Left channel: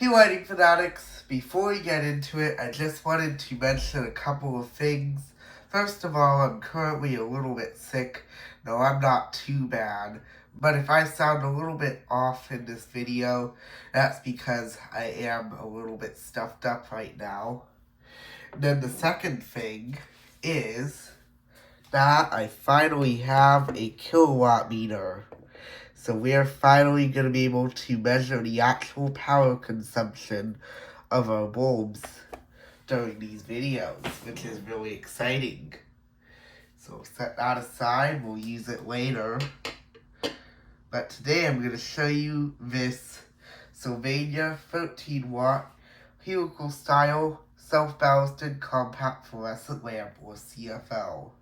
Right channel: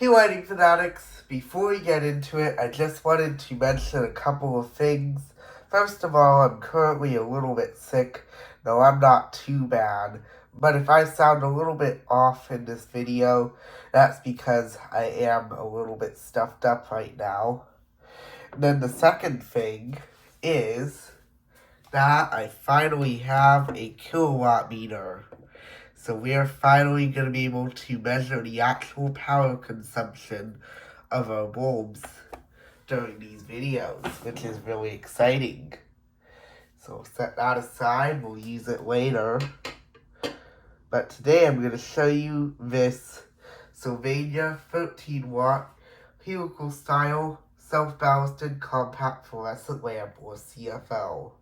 Hey lighting fanatics, before we get into it, I just wanted to mention a couple of things. First of all, I'm currently a little bit sick. No, I'm not too bad, but if I sound a little bit off in this video, that's because I am a little bit stuffed up right now. And then the second thing is that I finally have a kilowatt meter. So we are finally going to be able to measure the actual power consumption of our bulbs during these videos, which is really exciting. So set that aside, we'll use it later. But today I'm going to show you this Sylvania 13W Helical style self-ballasted compact fluorescent lamp, or CFL.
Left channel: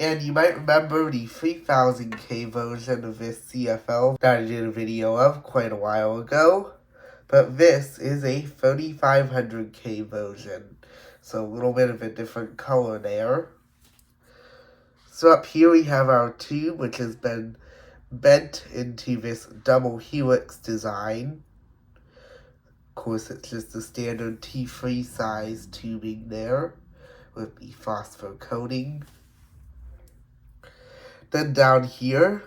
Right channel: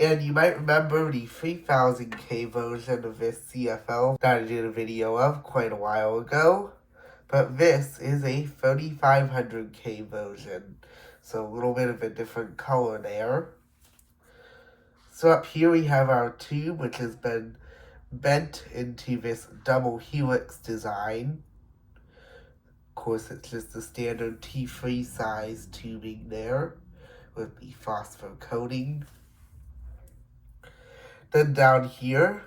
And you might remember the 3000K version of this CFL that I did a video of quite a while ago. But this is a 3500K version. So a little bit of a different color there. So up here we have our tube, which has been bent into this double helix design. Of course, it's just the standard T3 size tubing there with the phosphor coating. Then down here,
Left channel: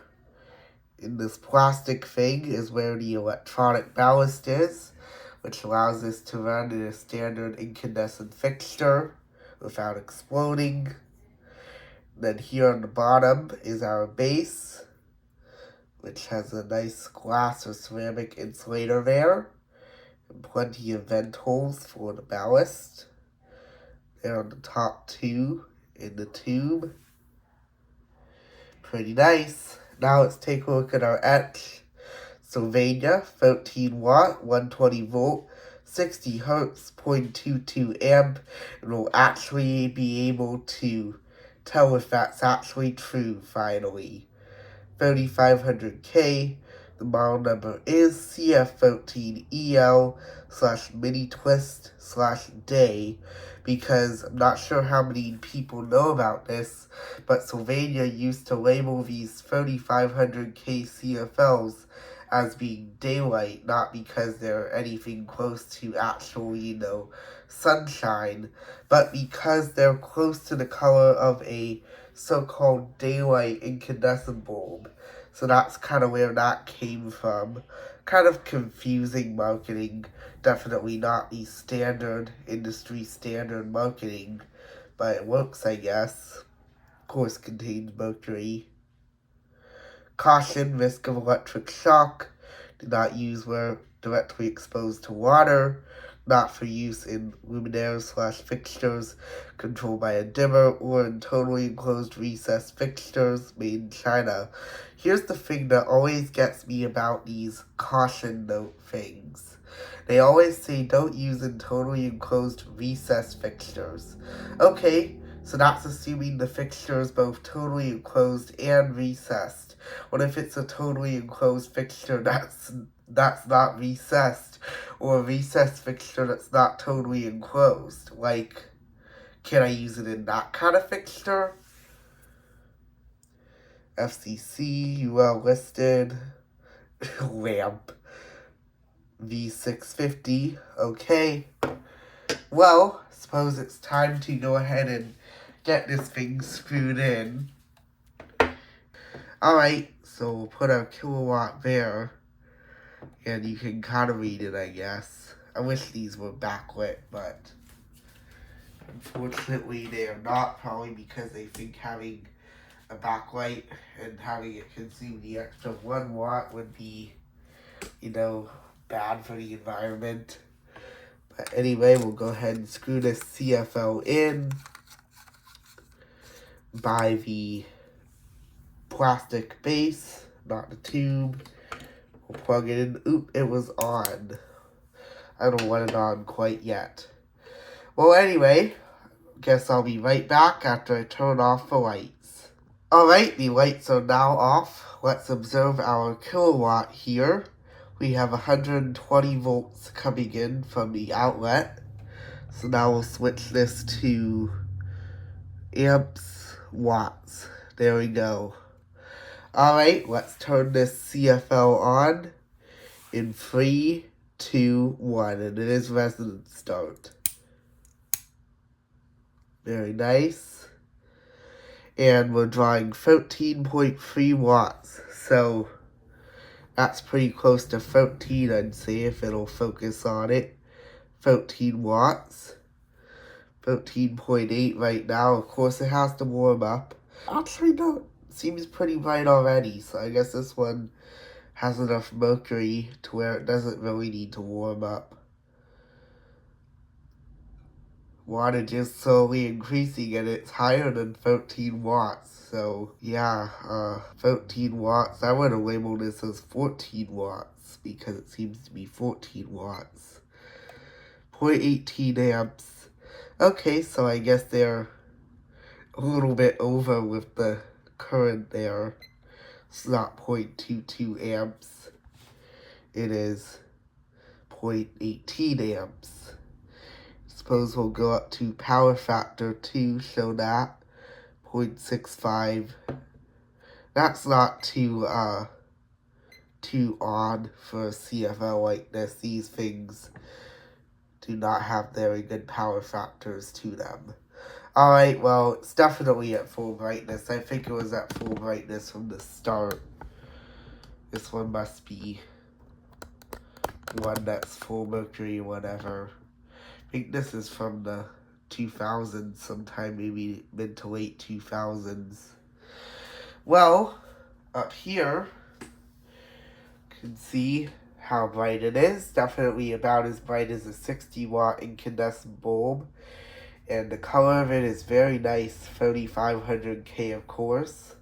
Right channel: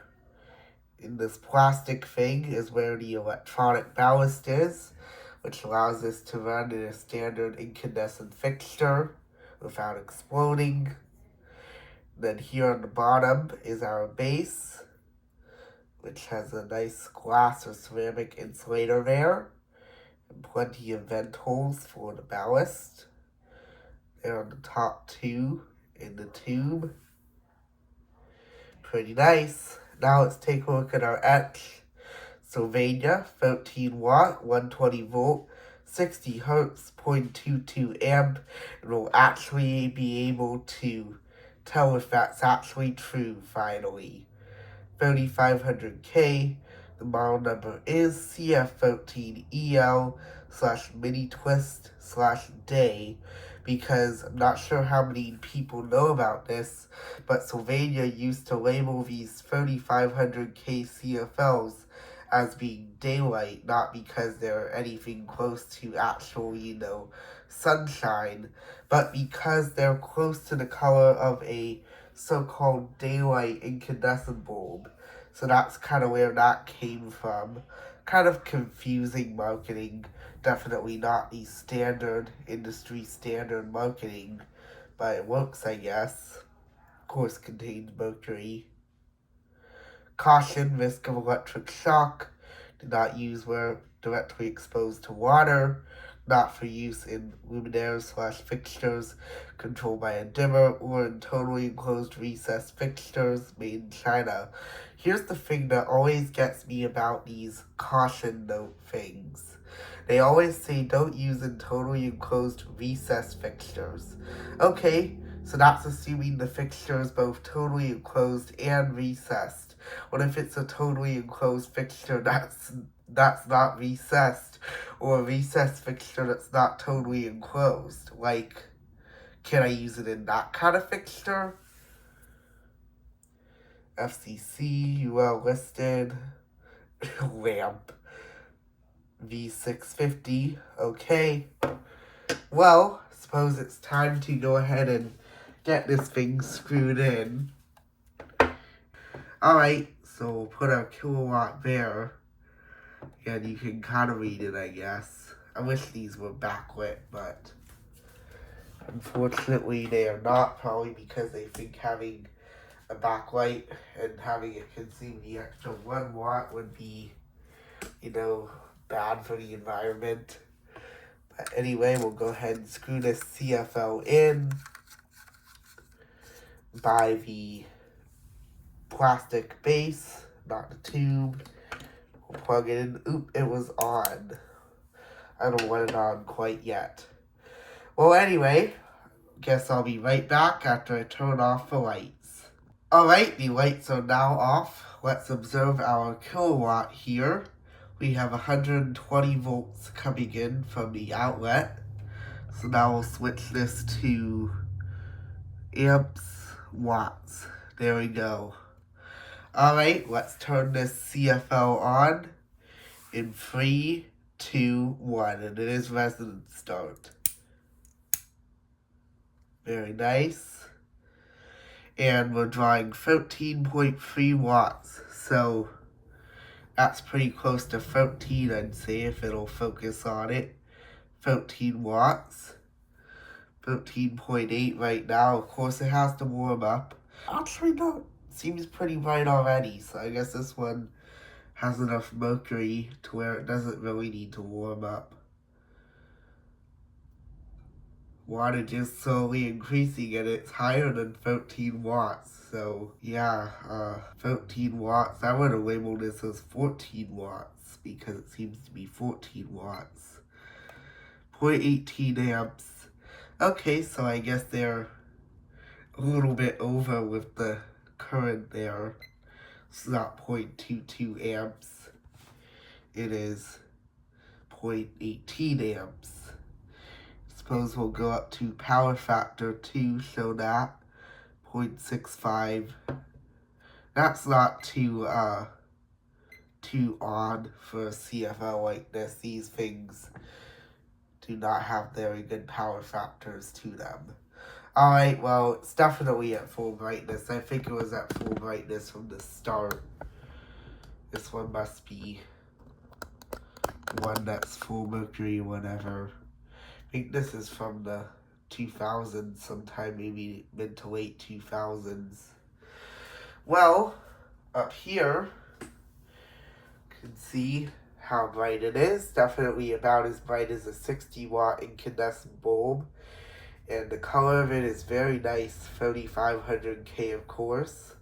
in this plastic thing, is where the electronic ballast is, which allows us to run in a standard incandescent fixture without exploding. Then here on the bottom is our base, which has a nice glass or ceramic insulator there, and plenty of vent holes for the ballast. There on the top too, in the tube. Pretty nice. Now let's take a look at our etch. Sylvania 13W, 120 volt, 60 hertz, 0.22 amp, and we'll actually be able to tell if that's actually true finally. 3500K, the model number is CF13EL/MINITWIST/day, because I'm not sure how many people know about this, but Sylvania used to label these 3500K CFLs as being daylight, not because they're anything close to actual, sunshine, but because they're close to the color of a so-called daylight incandescent bulb. So that's kind of where that came from. Kind of confusing marketing. Definitely not the standard, industry standard marketing, but it works, I guess. Of course, contains mercury. Caution, risk of electric shock. Do not use where directly exposed to water. Not for use in luminaires/fixtures controlled by a dimmer or in totally enclosed recessed fixtures made in China. Here's the thing that always gets me about these caution note things. They always say don't use in totally enclosed recessed fixtures. Okay, so that's assuming the fixture is both totally enclosed and recessed. What if it's a totally enclosed fixture that's not recessed, or a recessed fixture that's not totally enclosed? Like, can I use it in that kind of fixture? FCC, UL listed, lamp, V650, okay. Well, suppose it's time to go ahead and get this thing screwed in. Alright, so we'll put our kilowatt there, and you can kind of read it, I guess. I wish these were backlit, but unfortunately they are not, probably because they think having a backlight and having it consume the extra 1 watt would be, bad for the environment. But anyway, we'll go ahead and screw this CFL in by the plastic base, not the tube. We'll plug it in. Oop, it was on. I don't want it on quite yet. Well, anyway, guess I'll be right back after I turn off the lights. Alright, the lights are now off. Let's observe our kilowatt here. We have 120 volts coming in from the outlet. So now we'll switch this to amps, watts. There we go. Alright, let's turn this CFL on in 3, 2, 1, and it is resonant start. Very nice. And we're drawing 13.3 watts, so that's pretty close to 13, I'd say, if it'll focus on it. 13 watts. 13.8 right now. Of course, it has to warm up. Actually, no. It seems pretty bright already, so I guess this one has enough mercury to where it doesn't really need to warm up. Wattage is slowly increasing, and it's higher than 13 watts. So, yeah, 13 watts. I would have labeled this as 14 watts because it seems to be 14 watts. 0.18 amps. Okay, so I guess they're a little bit over with the current there. It's not 0.22 amps. It is 0.18 amps. Suppose we'll go up to power factor 2, show that. 0.65. That's not too odd for a CFL like this. These things do not have very good power factors to them. Alright, well, it's definitely at full brightness. I think it was at full brightness from the start. This one must be one that's full mercury, whatever. I think this is from the 2000s, sometime maybe mid to late 2000s. Well, up here, you can see how bright it is. Definitely about as bright as a 60-watt incandescent bulb. And the color of it is very nice, 3500K of course.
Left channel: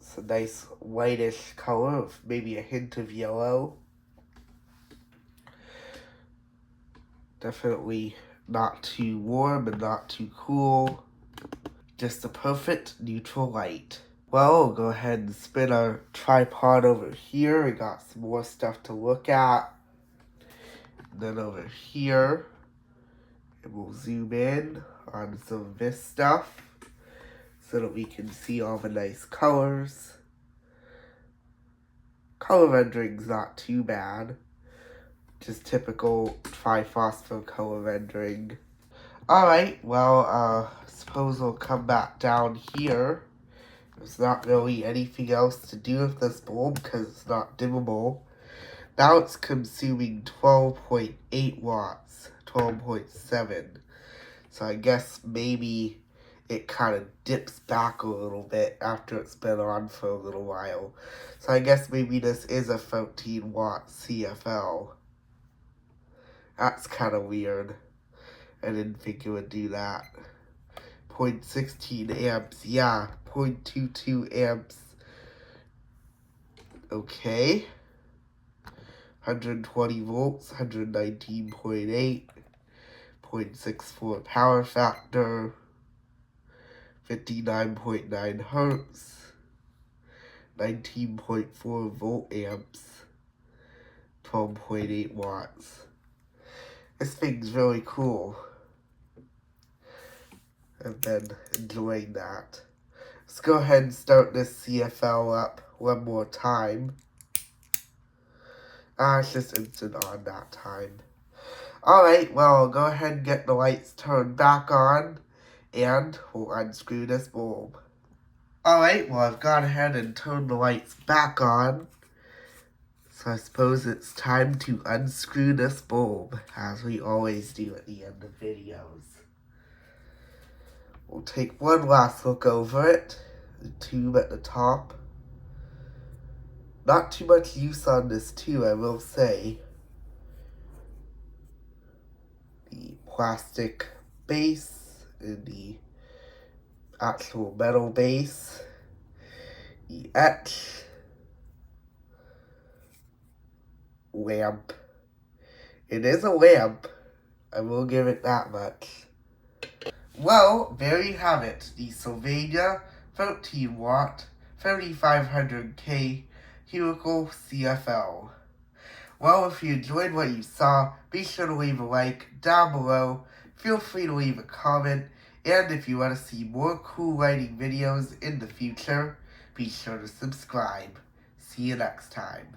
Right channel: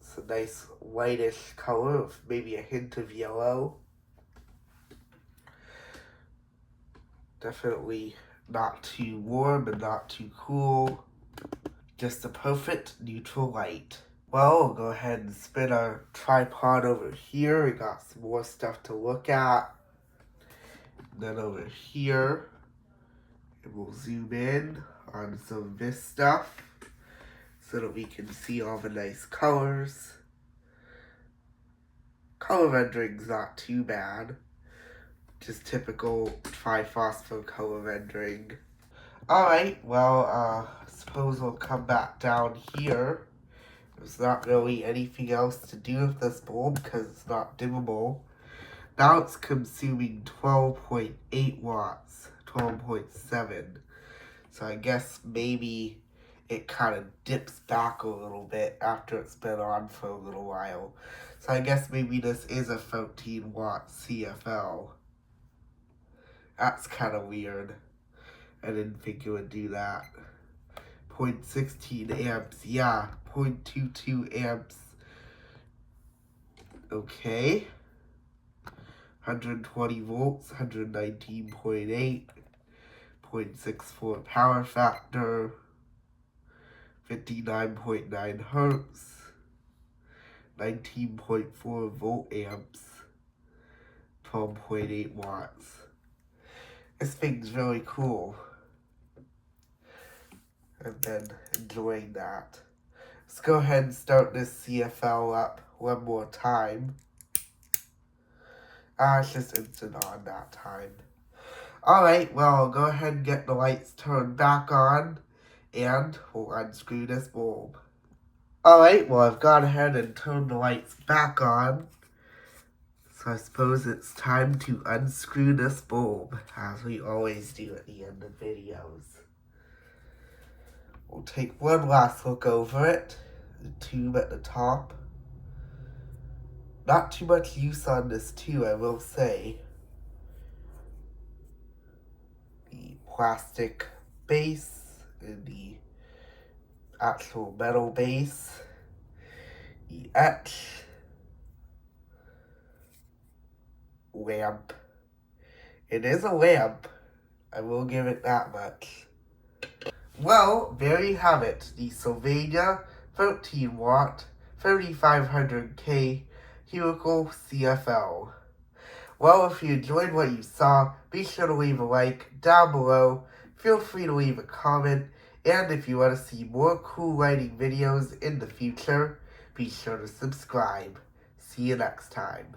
It's a nice whitish color with maybe a hint of yellow. Definitely not too warm and not too cool. Just a perfect neutral light. Well, we'll go ahead and spin our tripod over here. We got some more stuff to look at. And then over here, and we'll zoom in on some of this stuff so that we can see all the nice colors. Color rendering's not too bad. Just typical tri-phosphor color rendering. Alright, well, I suppose we'll come back down here. There's not really anything else to do with this bulb because it's not dimmable. Now it's consuming 12.8 watts, 12.7. So I guess maybe it kind of dips back a little bit after it's been on for a little while. So I guess maybe this is a 13 watt CFL. That's kind of weird. I didn't think it would do that. 0.16 amps, yeah, 0.22 amps. Okay. 120 volts, 119.8. 0.64 power factor. 59.9 hertz. 19.4 volt amps. 12.8 watts. This thing's really cool. I've been enjoying that. Let's go ahead and start this CFL up one more time. It's just instant on that time. Alright, well, I'll go ahead and get the lights turned back on, and we'll unscrew this bulb. Alright, well, I've gone ahead and turned the lights back on. So I suppose it's time to unscrew this bulb, as we always do at the end of videos. We'll take one last look over it, the tube at the top. Not too much use on this too, I will say. The plastic base and the actual metal base. The etch. Lamp. It is a lamp. I will give it that much. Well, there you have it. The Sylvania 13 watt 3500K Helical CFL. Well, if you enjoyed what you saw, be sure to leave a like down below. Feel free to leave a comment. And if you want to see more cool lighting videos in the future, be sure to subscribe. See you next time.